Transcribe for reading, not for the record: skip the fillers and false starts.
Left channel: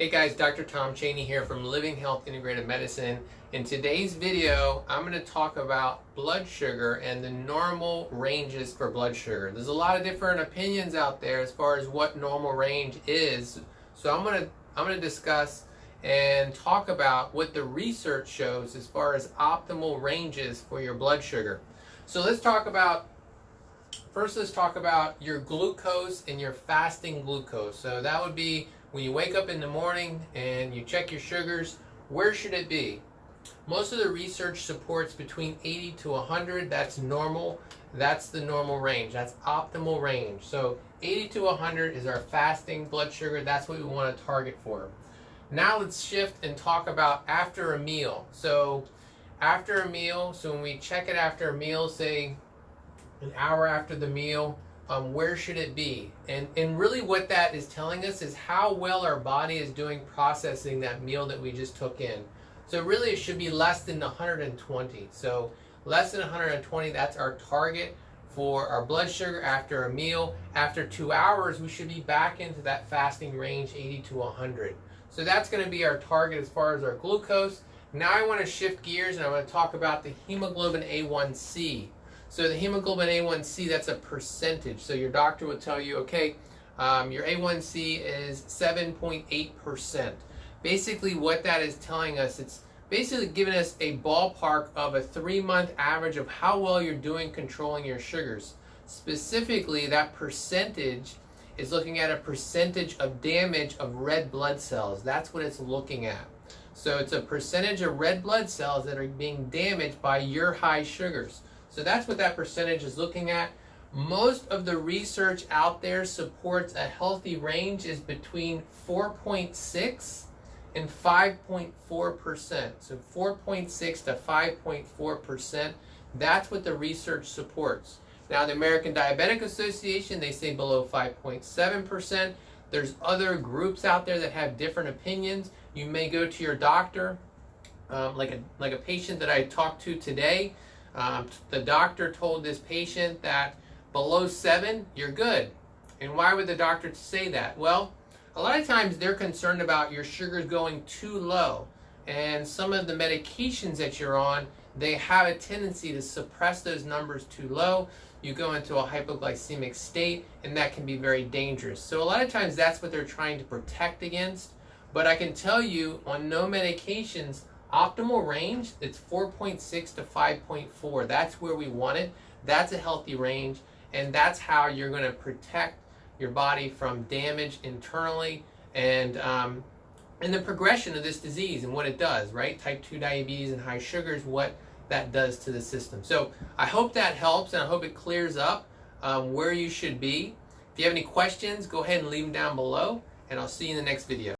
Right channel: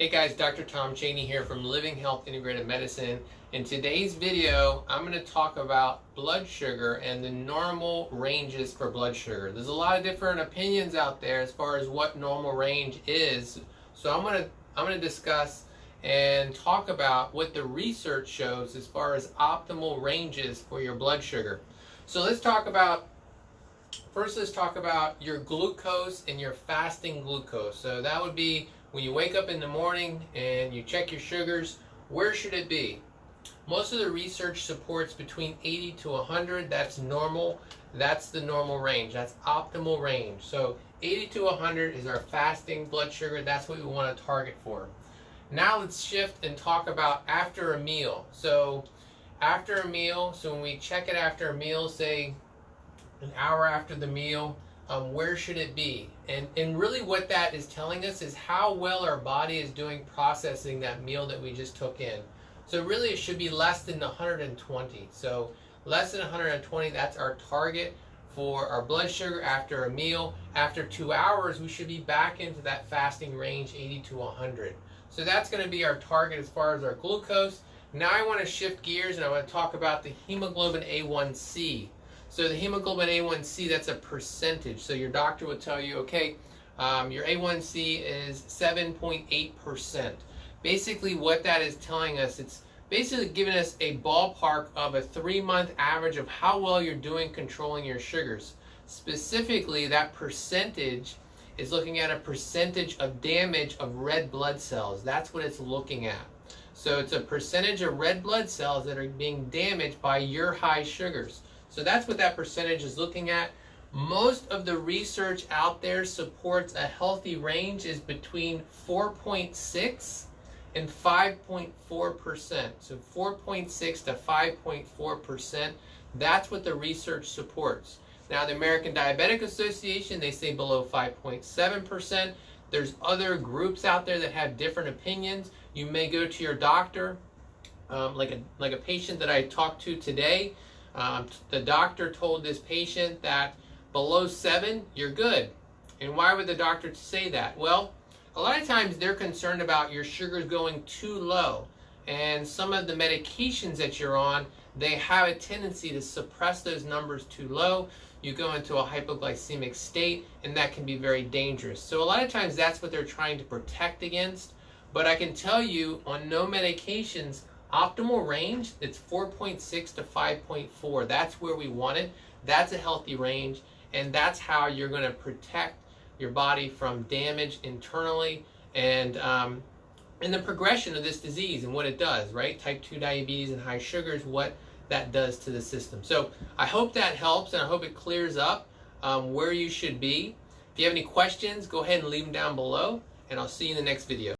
Hey guys, Dr. Tom Chaney here from Living Health Integrative Medicine. In today's video, I'm going to talk about blood sugar and the normal ranges for blood sugar. There's a lot of different opinions out there as far as what normal range is. So I'm going to discuss and talk about what the research shows as far as optimal ranges for your blood sugar. So let's talk about your glucose and your fasting glucose. So that would be when you wake up in the morning and you check your sugars, where should it be? Most of the research supports between 80 to 100. That's normal. That's the normal range. That's optimal range. So 80 to 100 is our fasting blood sugar. That's what we want to target for. Now let's shift and talk about after a meal. So after a meal, so when we check it after a meal, say an hour after the meal, where should it be? And really what that is telling us is how well our body is doing processing that meal that we just took in. So really it should be less than 120. So less than 120, that's our target for our blood sugar after a meal. After 2 hours, we should be back into that fasting range, 80 to 100. So that's going to be our target as far as our glucose. Now I want to shift gears and I want to talk about the hemoglobin A1c. So the hemoglobin A1c, that's a percentage. So your doctor would tell you, okay, your A1c is 7.8%. Basically what that is telling us, it's basically giving us a ballpark of a 3-month average of how well you're doing controlling your sugars. Specifically, that percentage is looking at a percentage of damage of red blood cells. That's what it's looking at. So it's a percentage of red blood cells that are being damaged by your high sugars. So that's what that percentage is looking at. Most of the research out there supports a healthy range is between 4.6 and 5.4%. So 4.6 to 5.4%, that's what the research supports. Now the American Diabetic Association, they say below 5.7%. There's other groups out there that have different opinions. You may go to your doctor, like a patient that I talked to today. The doctor told this patient that below 7, you're good. And why would the doctor say that? Well, a lot of times they're concerned about your sugars going too low. And some of the medications that you're on, they have a tendency to suppress those numbers too low. You go into a hypoglycemic state, and that can be very dangerous. So a lot of times that's what they're trying to protect against. But I can tell you, on no medications, optimal range, it's 4.6 to 5.4. That's where we want it. That's a healthy range, and that's how you're going to protect your body from damage internally and the progression of this disease and what it does, right? Type 2 diabetes and high sugars, what that does to the system. So I hope that helps, and I hope it clears up where you should be. If you have any questions, go ahead and leave them down below, and I'll see you in the next video.